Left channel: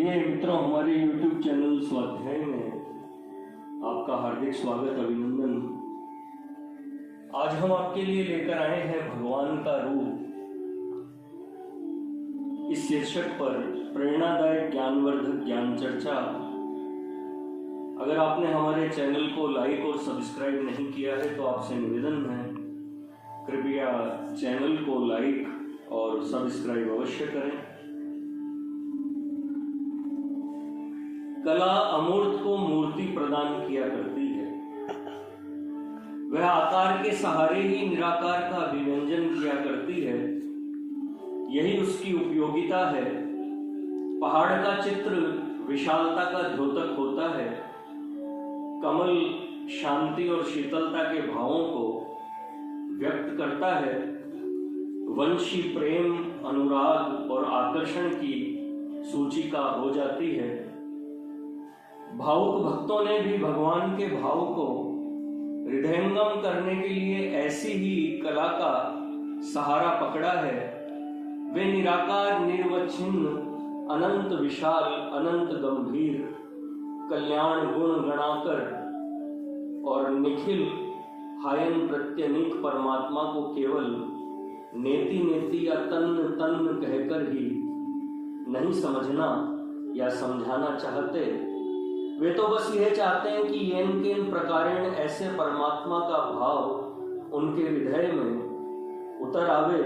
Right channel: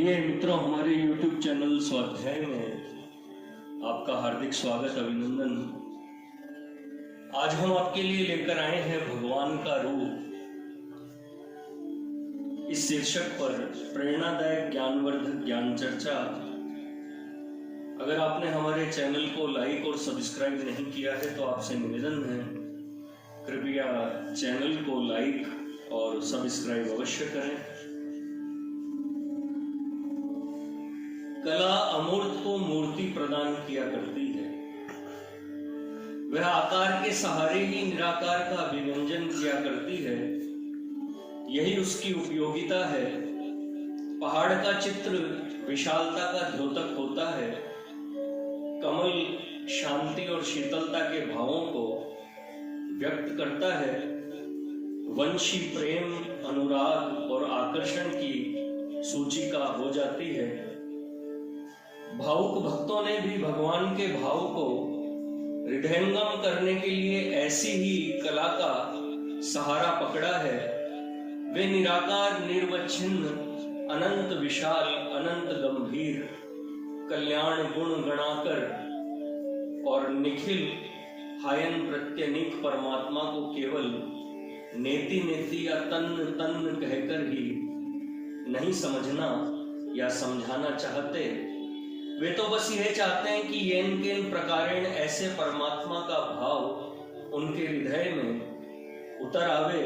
प्रिय मित्रों, हमारे YouTube चैनल स्वाध्याय में आपका हार्दिक स्वागत, अभिनंदन। आज हम आपके लिए लेकर आए हैं भगवान का रूप। इस शीर्षक पर प्रेरणादायक ज्ञानवर्धक ज्ञान चर्चा। अगर आपने हमारे चैनल को लाइक और सब्सक्राइब नहीं किया है तो आपसे निवेदन है, कृपया चैनल को लाइक और सब्सक्राइब अवश्य करें। कला अमूर्त को मूर्ति प्रदान किया करती है। वह आकार के सहारे ही निराकार का अभिव्यंजन किया करती है। यही उसकी उपयोगिता है। पहाड़ का चित्र विशालता का द्योतक होता है। कमल शांति और शीतलता के भावों को व्यक्त करता है। वंशी प्रेम, अनुराग और आकर्षण की सूचिका हो जाती है। भावुक भक्तों ने भी भगवान के भाव को हृदयंगम करने के लिए ऐसी ही कला का सहारा पकड़ा है। वे निराकार, निर्वच्छिन्न, अनंत विशाल, अनंत गंभीर, कल्याण गुण गणाकर और निखिल हायन प्रत्यनीक परमात्मा को केवल नेति नेति या तन्न तन्न कहकर ही नहीं समझना या समझाना चाहते। वे तो बस यह चाहते हैं कि येन केन प्रकारेण ऐसे परमात्मा का भाव उनके हृदय में उतर आवे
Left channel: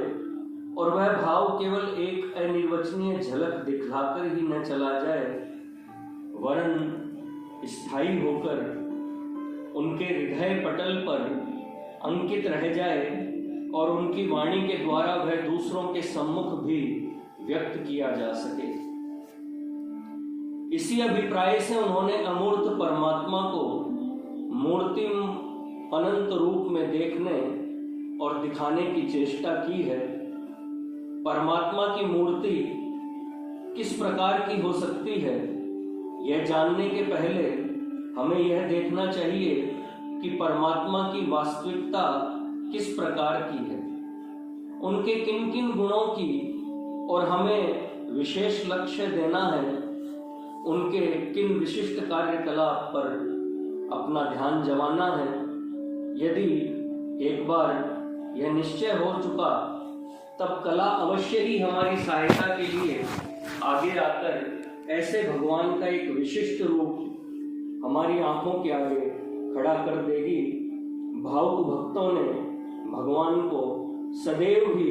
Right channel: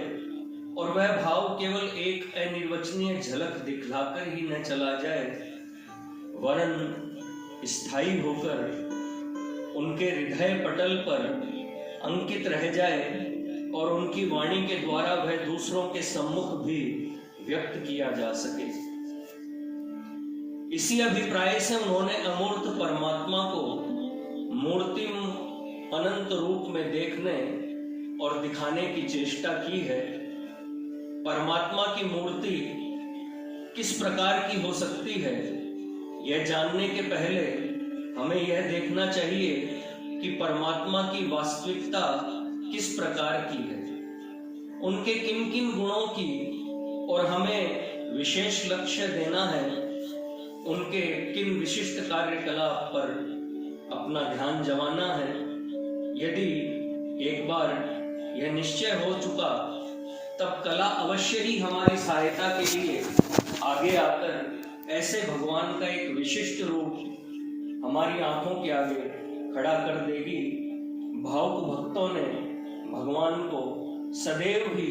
और वह भाव केवल एक अनिर्वचनीय झलक दिखलाकर ही न चला जाए, वरन स्थायी होकर उनके हृदय पटल पर अंकित रह जाए और उनकी वाणी के द्वारा वह दूसरों के सम्मुख भी व्यक्त किया जा सके। इसी अभिप्राय से उन्होंने अमूर्त परमात्मा को मूर्तिम अनंत रूप में देखने और दिखाने की चेष्टा की है। परमात्मा की मूर्ति किस प्रकार की हो सकती है, यह जानने के पहले हमें यह देखना चाहिए कि परमात्मा की वास्तविकता किस प्रकार की है, उनके किन किन गुणों की, और हमें विशेष लक्ष्य देना है उनके किन विशिष्ट कार्यकलाप पर अपना ध्यान जमाना है। यदि एक बार यह निश्चय हो चुका, तब कला अवश्य ही हमारी सहायता के लिए आगे आकर ऐसे भगवान का एक विशिष्ट रूप हमारी आंखों के आगे खड़ा कर देगी। भावुक भक्तों ने भगवान को सदैव ही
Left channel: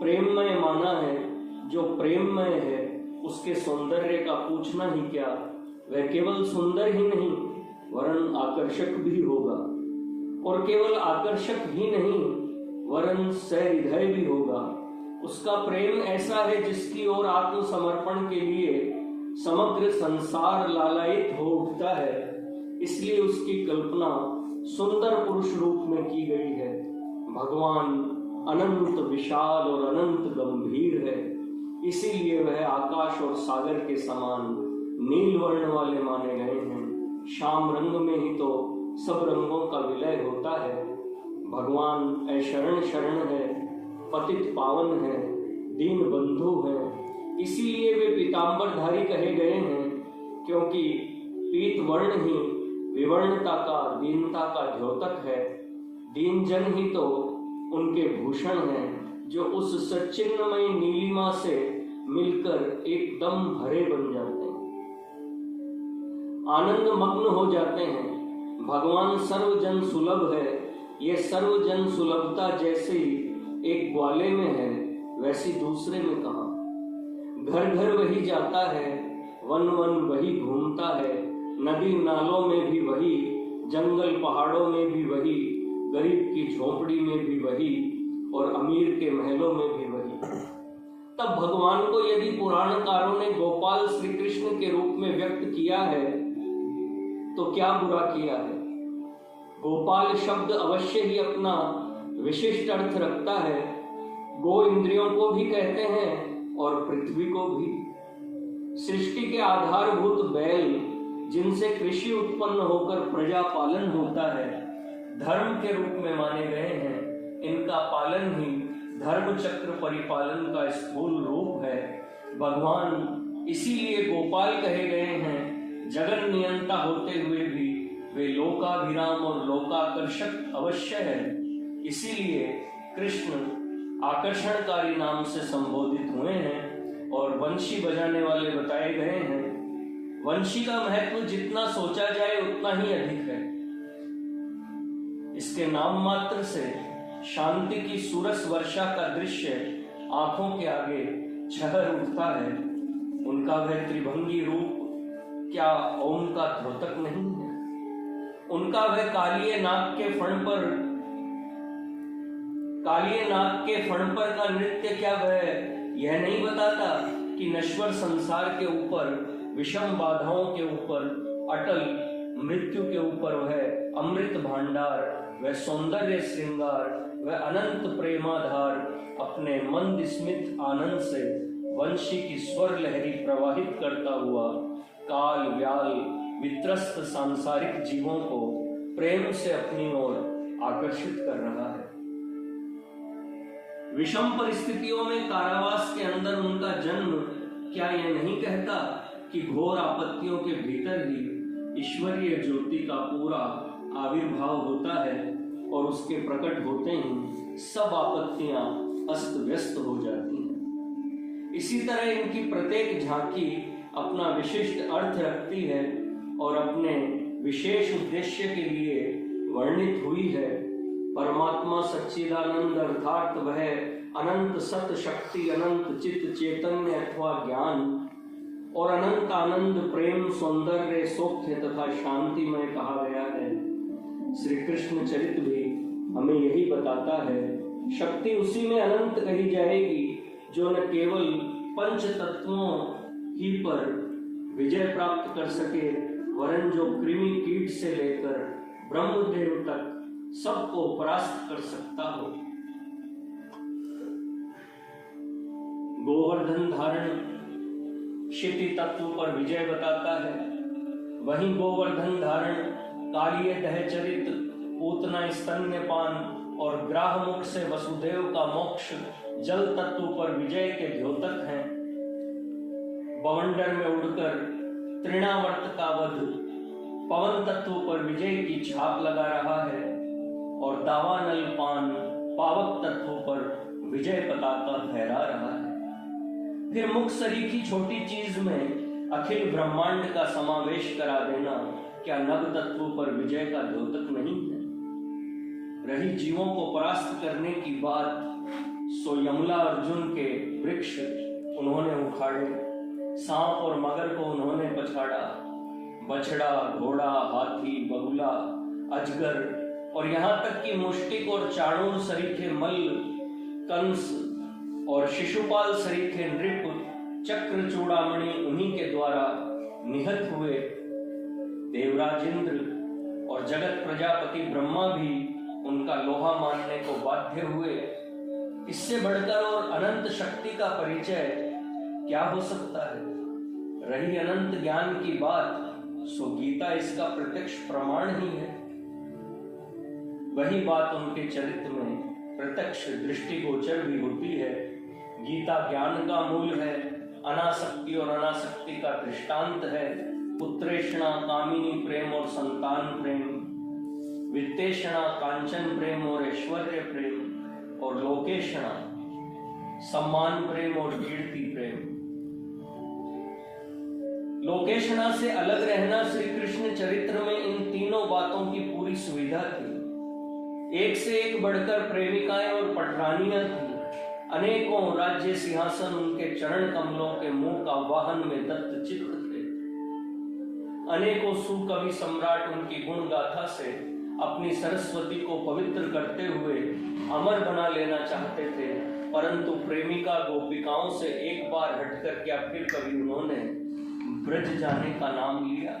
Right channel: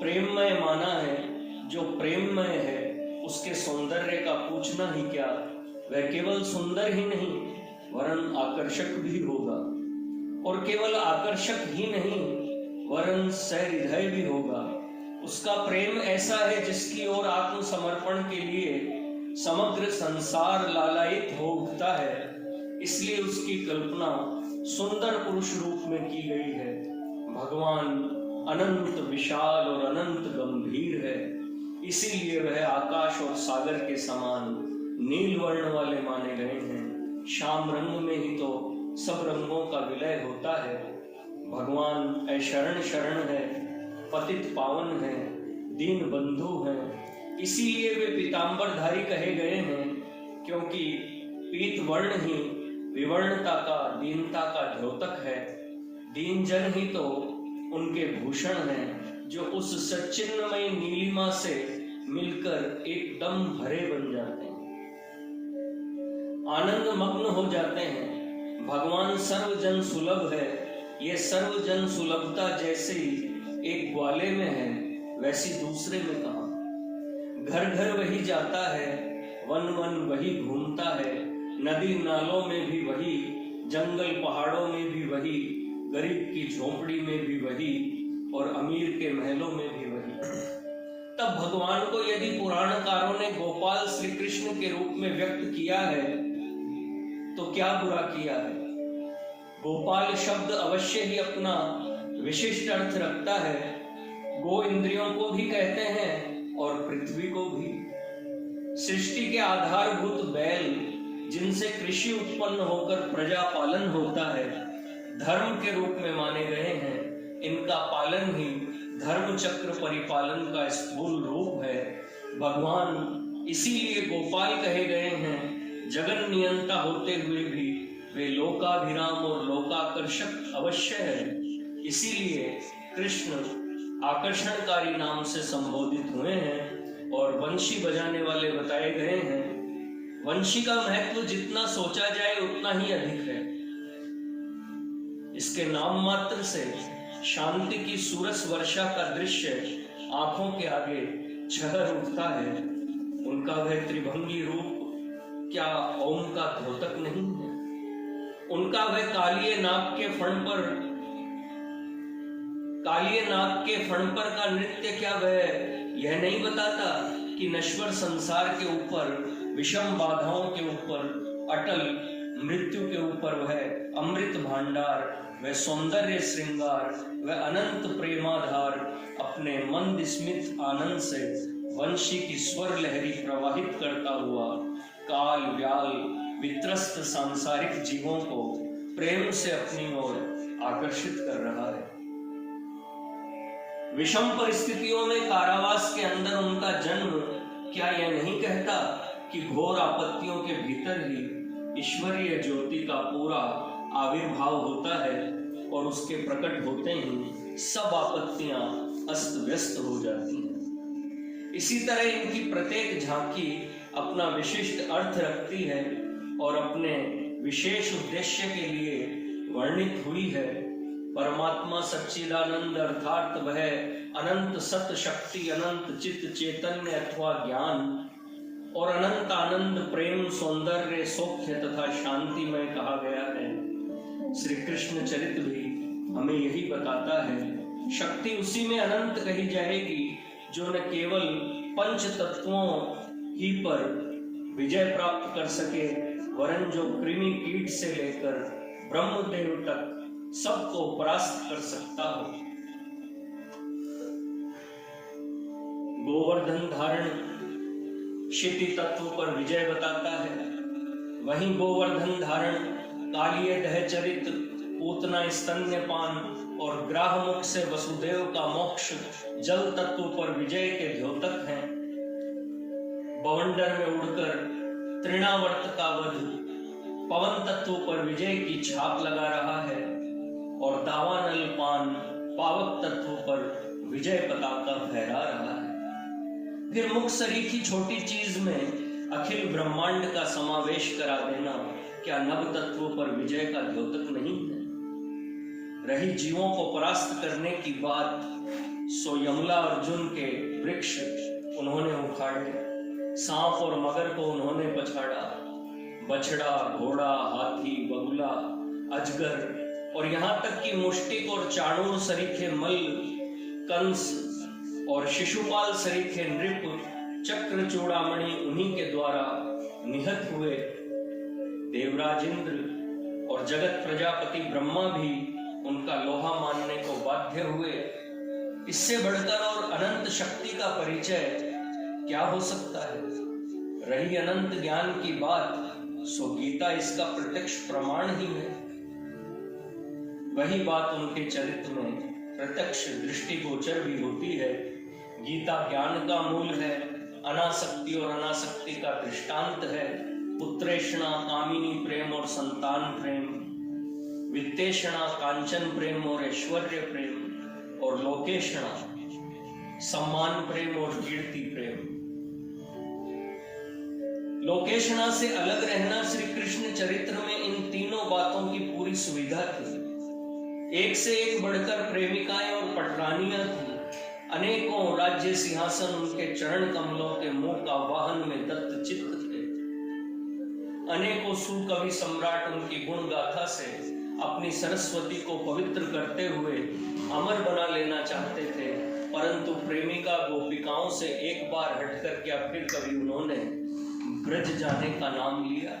प्रेममय माना है। जो प्रेममय है उसके सौंदर्य का पूछना ही क्या, वह केवल सुंदर ही नहीं वरन आकर्षक भी होगा, और केवल आकर्षक ही नहीं वरन सहृदय भी होगा। उसका प्रेम ऐसा है जिसकी ओर आत्मसमर्पण के लिए समग्र संसार लालायित हो उठता है। इसलिए उसकी कल्पना सुंदर पुरुष रूप में की गई है। भगवान अनंत विशाल और अनंत गंभीर है, इसीलिए वह आकाश और सागर के समान नील वर्ण वाले माने गए हैं। श्याम रंग में ही तो सब रंगों का विलय होता है। भगवान ऐशरण शरण है, पतित पावन है, दीन बंधु है। इसीलिए वे पीतांबरधारी कहे गए हैं, क्योंकि पीत वर्ण ही विवर्णता का, दीनता का द्योतक है। दीन जन ही तो उनके भूषण हैं, जो उस सच्चिन्मय नीलिमा से मिलकर एकदम हरे बन जाते हैं, आनंद मग्न हो जाते हैं। भगवान सर्वजन सुलभ है। ये सर्वजन सुलभता जैसे एक ग्वाले में है, वैसी दूसरे में कहां। घर घर वही जाता है, वन वन वही घूमता है, नदी नालों में भी वही, जंगल पहाड़ों में भी वही, गरीब की झोपड़ी में भी वही और अमीर के महलों में भी वही। तब भगवान को यदि पुराणकारों ने गोपाल श्री कृष्ण के रूप में व्यक्त किया है तो क्या बुरा किया है। गोपाल शब्द अवश्य ही अपना विशिष्ट अर्थ रखता है। गो इंद्रियों को भी कहते हैं और पृथ्वी को भी। सृष्टि के आधारभूत बैल, जिनसे कृषि उत्पन्न होकर प्रजा पालन होता है, धर्म के रूप में माने गए हैं। इनका पालन ही धर्म चक्र परिपालन का स्थूल रूप है। भगवान इसीलिए गोपाल कहे गए हैं। जगन नियंता होते हुए भी वे लोकाभिराम और लोकाकर्षक अवश्य है। इसीलिए कृष्ण आकर्षणकारी नाम से संबोधित हुए हैं और वंशी बजाने वाले बताए गए हैं। वंशी का महत्व जितना सोचा जाए उतना ही अधिक है। इसके नाम मात्र से शांति की सूरज वर्षा का दृश्य आंखों के आगे छहर उठता है। उनका वह त्रिभंगी रूप क्या ओम का द्योतक नहीं है? उनका वह कालिये नाग के फण पर का नृत्य क्या वह यह नहीं बताता कि नश्वर संसार के ऊपर, विषम बाधाओं के ऊपर, अटल मृत्यु के ऊपर वह अमृत भांडार, वह सौंदर्य श्रृंगार, वह अनंत प्रेमाधार अपने मंद स्मित आनंद से वंशी की स्वर लहरी प्रवाहित करता हुआ काल व्याल वित्रस्त सांसारिक जीवों को प्रेम से अपनी ओर आकर्षित कर रहा है। विषम परिस्थितियों में कारावास के अंदर उनका जन्म क्या यह नहीं कहता कि घोर आपत्तियों के भीतर ही ईश्वरीय ज्योति का पूरा आविर्भाव होता है और उसके प्रकट होते ही सब आपत्तियां अस्त व्यस्त हो जाती हैं। इसी तरह इनकी प्रत्येक झांकी अपना विशिष्ट अर्थ रखती है और अपने विशेष उद्देश्य के लिए वर्णित हुई है। परमात्मा सच्चिदानंद अर्थात वह अनंत सत शक्ति, अनंत चित्त चैतन्य अथवा ज्ञान और अनंत आनंद प्रेम सौंदर्य सौख्य तथा शांति में कहा गया है। श्री कृष्ण चरित भी हमें यही बताता है। शक्ति उसी में अनंत कही जाएगी जो न केवल पंच तत्वों ही पर विजय प्राप्त कर सके, वरन जो कृमि कीट से लेकर ब्रह्मदेव तक सबको परास्त कर सकता हो। गोवर्धन धारण क्षिति तत्व पर विजय बताता है। वहीं गोवर्धन धारण कालिय दहचरित पूतना स्तन्यपान और ग्राहमुख से वसुदेव का मोक्ष जल तत्व पर विजय के द्योतक हैं। बवंडर में उड़कर तृणावर्त का वध पवन तत्व पर विजय की छाप लगा रहा है और दावानल पान पावक तत्व पर विजय पताका फहरा रहा है। फिर मुख सरीखी छोटी चीज में अखिल ब्रह्मांड का समावेश करा देना क्या नव तत्व पर विजय का द्योतक नहीं है? रही जीवों को परास्त करने की बात, सो यमला अर्जुन के वृक्ष उन्होंने उखाड़े, सांप और मगर को उन्होंने पछाड़ा, बछड़ा घोड़ा हाथी बगुला अजगर और यहाँ तक कि मुष्टिक और चाणूर सरीखे मल कंस और शिशुपाल सरीखे नृप चक्र चूड़ामणि उन्हीं के द्वारा निहत हुए। देवराज इंद्र और जगत प्रजापति ब्रह्मा भी उनका लोहा मानने को बाध्य हुए। इससे बढ़कर और अनंत शक्ति का परिचय क्या हो सकता है? रही अनंत ज्ञान की बात, सो गीता इसका प्रत्यक्ष प्रमाण ही है। वही बात उनके चरित्र में प्रत्यक्ष दृष्टिगोचर भी होती है। गीता ज्ञान का मूल है, अनासक्ति और अनासक्ति का दृष्टांत है। पुत्रेषणा कामिनी प्रेम और संतान प्रेम, वित्तेषणा कांचन प्रेम और ऐश्वर्य प्रेम, और लोकेषणा सम्मान प्रेम और कीर्ति प्रेम। लोकेषणा से अलग रहना श्री कृष्ण चरित्र में इन तीनों बातों की पूरी सुविधा थी। एक से एक बढ़कर प्रेमिकाएं और पटरानियां थी। अनेकों राज्य सिंहासन उनके चरण कमलों के मुंह का वाहन में दत्त चित्त थे। अनेकों सुकवि सम्राट उनकी गुण गाथा से अपनी सरस्वती को पवित्र करते हुए अमर बना लेना चाहते थे, परंतु प्रेमिका गोपिकाओं से एक बार हटकर क्या फिर कभी उन्होंने ब्रज जाने का नाम लिया?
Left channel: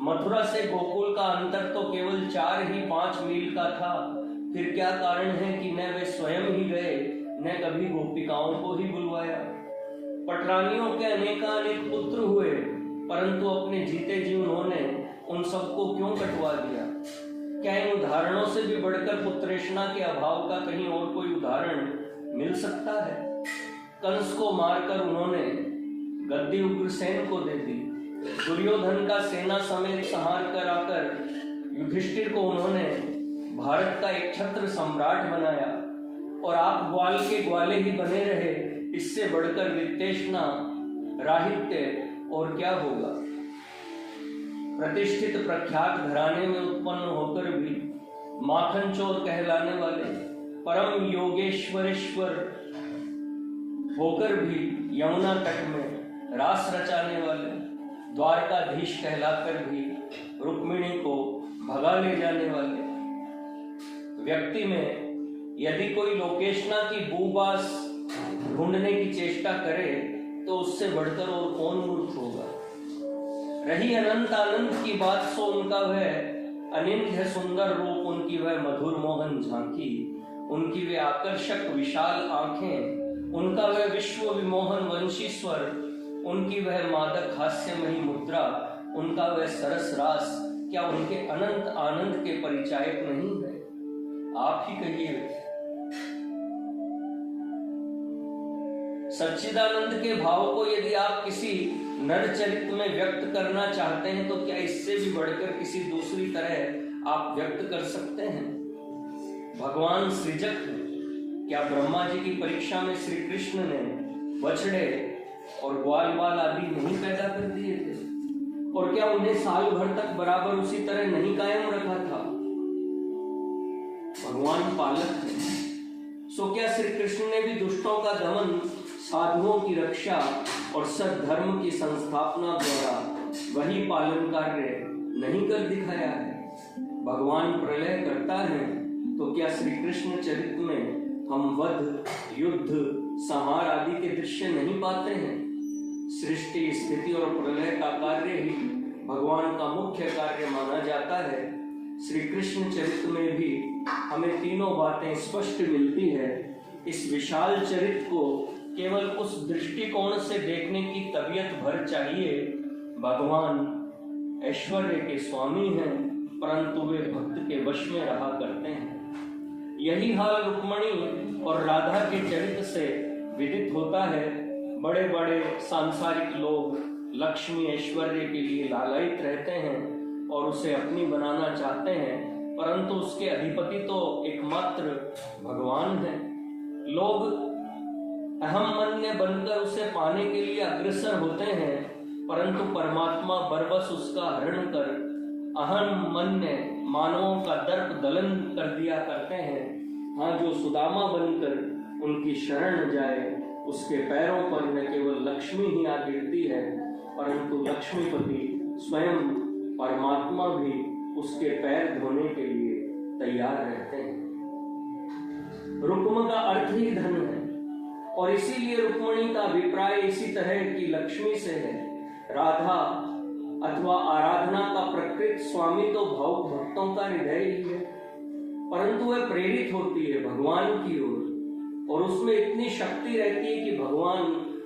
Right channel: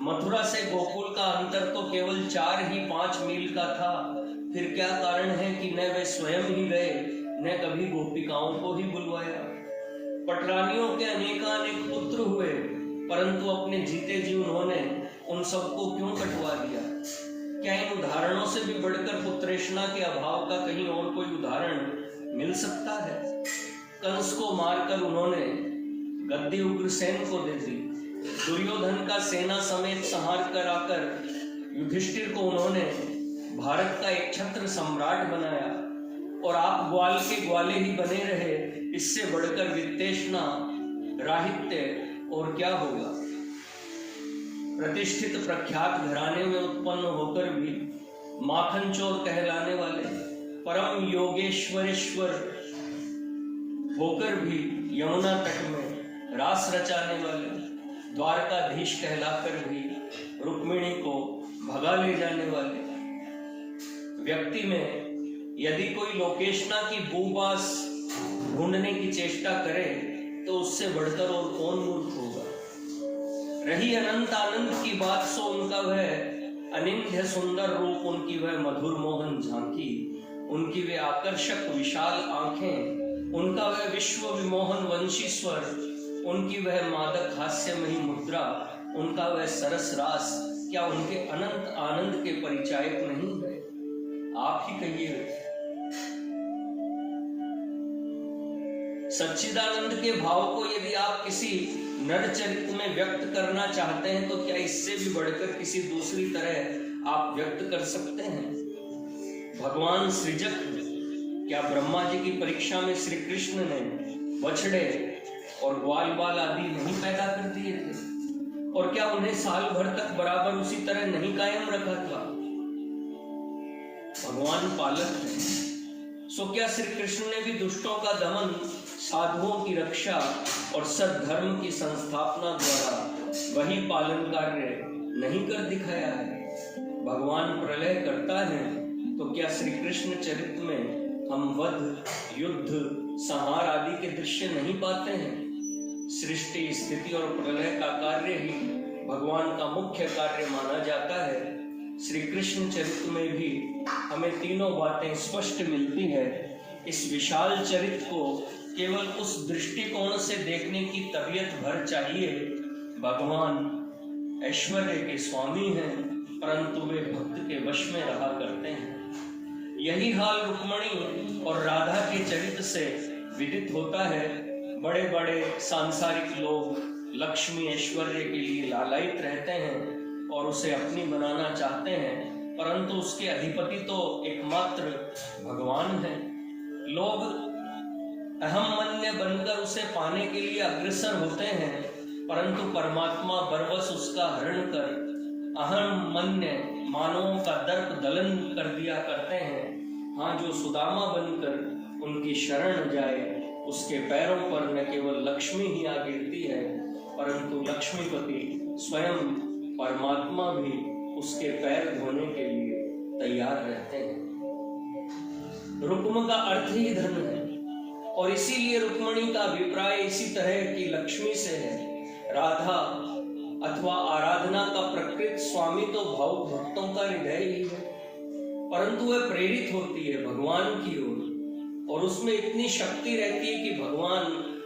मथुरा से गोकुल का अंतर तो केवल 4 ही 5 मील का था। फिर क्या कारण है कि न वे स्वयं ही गए, न कभी गोपिकाओं को ही बुलवाया? पटरानियों के अनेकानेक पुत्र हुए, परंतु अपने जीते जी उन्होंने उन सबको क्यों कटवा दिया? क्या इन उदाहरणों से भी बढ़कर पुत्रेषणा के अभाव का कहीं और कोई उदाहरण मिल सकता है? कंस को मारकर उन्होंने गद्दी उग्रसेन को दे दी। दुर्योधन का सेना समेत संहार कर आकर युधिष्ठिर को उन्होंने भारत का एक छत्र सम्राट बनाया और आप ग्वाल के ग्वाले ही बने रहे। इससे बढ़कर वित्तेषणा, राहित्य और क्या होगा। प्रतिष्ठित प्रख्यात घराने में उत्पन्न होकर भी माखन चोर कहलाने वाले, परम योगेश्वरेश्वर होकर भी यमुना तट में रास रचाने वाले, द्वारकाधीश कहलाकर भी रुक्मिणी को भगा ले जाने वाले व्यक्ति में यदि कोई लोकेशना की बूबास ढूंढने की चेष्टा करे तो उससे बढ़कर और कौन मूर्ख होगा। रही अनंत आनंद की बात सो उनका वह अनिंद्य सुंदर रूप, उनकी वह मधुर मोहन झांकी, उनकी वे आकर्षक विशाल आंखें, उनका वह विश्व विमोहन वंशी स्वर, उनकी वह मादक हास्यमयी मुद्रा, उनका वह सरस रास, क्या उनके अनंत आनंद के परिचायक नहीं है? आप ही कहिए। सच्चिदानंद के भाव को यदि आप किसी नर चरित्र में व्यक्त करना चाहते हैं तो क्या इससे भी बढ़कर किसी दूसरी तरह आप व्यक्त कर सकते हैं? भगवान सृजक हैं। क्या ब्रह्मा जी की परीक्षा में श्री कृष्ण ने बछड़े और ग्वाल बाल आदि नहीं पैदा कर दिए थे? और क्या उन्हें साल भर तक बराबर उसी तरह नहीं कायम रखा था? भगवान पालक हैं। सो क्या श्री कृष्ण ने भी दुष्टों का दमन, साधुओं की रक्षा और सद्धर्म की संस्थापना द्वारा वही पालन कार्य नहीं कर दिखाया है? भगवान प्रलय करता है तो क्या श्री कृष्ण चरित्र में हम वध, युद्ध, संहार आदि के दृश्य नहीं पाते हैं? सृष्टि, स्थिति और प्रलय का कार्य ही भगवान का मुख्य कार्य माना जाता है। श्री कृष्ण चरित्र में भी हमें तीनों बातें स्पष्ट मिलती है। इस विशाल चरित्र को केवल उस दृष्टिकोण से देखने की तबीयत भर चाहिए। भगवान ऐश्वर्य के स्वामी हैं, परंतु वे भक्त के वश में रहा करते हैं। यही हाल रुक्मिणी और राधा के चरित्र से विदित होता है। बड़े बड़े सांसारिक लोग लक्ष्मी ऐश्वर्य के लिए लालायित रहते हैं और उसे अपनी बनाना चाहते हैं, परंतु उसके अधिपति तो एकमात्र भगवान हैं। लोग अहम मन्य बनकर उसे पाने के लिए अग्रसर होते हैं, परंतु परमात्मा बरबस उसका हरण कर अहम मन्य मानवों का दर्प दलन कर दिया करते हैं। हाँ, जो सुदामा बनकर उनकी शरण जाए उसके पैरों पर न केवल लक्ष्मी ही आ गिरती है, परंतु लक्ष्मीपति स्वयं परमात्मा भी उसके पैर धोने के लिए तैयार रहते हैं। रुक्म का अर्थ ही धन है और इसीलिए रुक्मिणी का अभिप्राय इसी तरह की लक्ष्मी से है। राधा अथवा आराधना का प्रकृत स्वामी तो भावुक भक्तों का हृदय ही है, परंतु वह प्रेरित होती है भगवान की ओर और उसमें इतनी शक्ति रहती है कि भगवान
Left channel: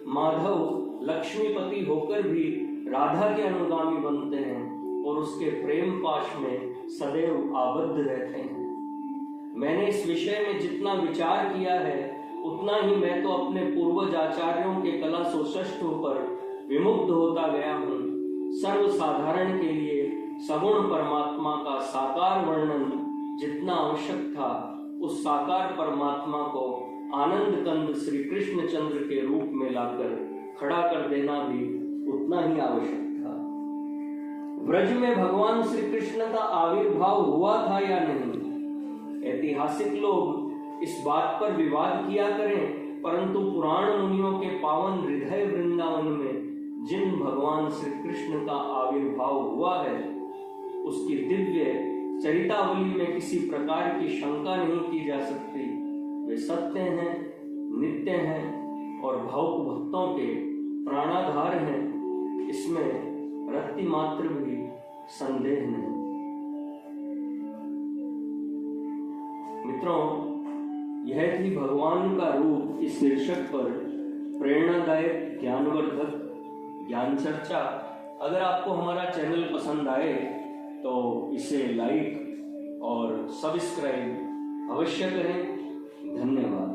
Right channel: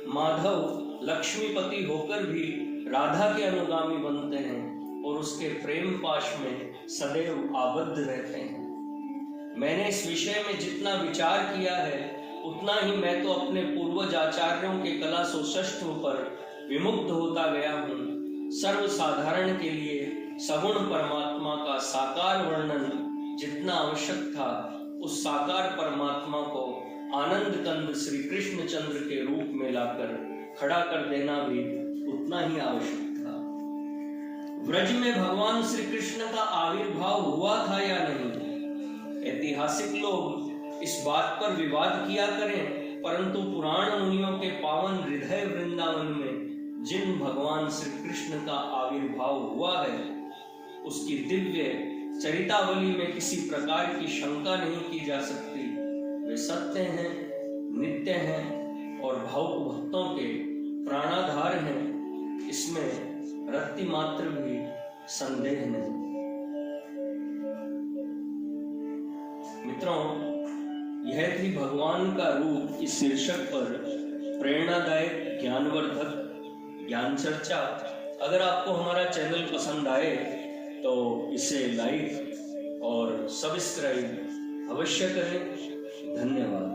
माधव लक्ष्मीपति होकर भी राधा के अनुगामी बनते हैं और उसके प्रेम पाश में सदैव आबद्ध रहते हैं। मैंने इस विषय में जितना विचार किया है उतना ही मैं तो अपने पूर्वज आचार्यों के कला सौष्ठव पर विमुग्ध होता गया हूँ। सर्वसाधारण के लिए सगुण परमात्मा का साकार वर्णन जितना आवश्यक था, उस साकार परमात्मा को आनंद कंद श्री कृष्ण चंद्र के रूप में लाकर खड़ा कर देना भी उतना ही आवश्यक था। व्रज में भगवान श्री कृष्ण का आविर्भाव हुआ था या नहीं, ऐतिहासिक लोग इस बात पर विवाद किया करें, परंतु पुराण मुनियों के पावन हृदय वृंदावन में जिन भगवान श्री कृष्ण का आविर्भाव हुआ है उसकी दिव्य चरितावली में किसी प्रकार की शंका नहीं की जा सकती। वे सत्य हैं, नित्य हैं और भावुक भक्तों के प्राणाधार हैं, इसमें रत्ती मात्र भी संदेह नहीं। मित्रों, यह थी भगवान का रूप इस शीर्षक पर प्रेरणादायक ज्ञानवर्धक ज्ञान चर्चा। अगर आपको हमारा चैनल पसंद आए तो इसे लाइक और सब्सक्राइब अवश्य करें। धन्यवाद।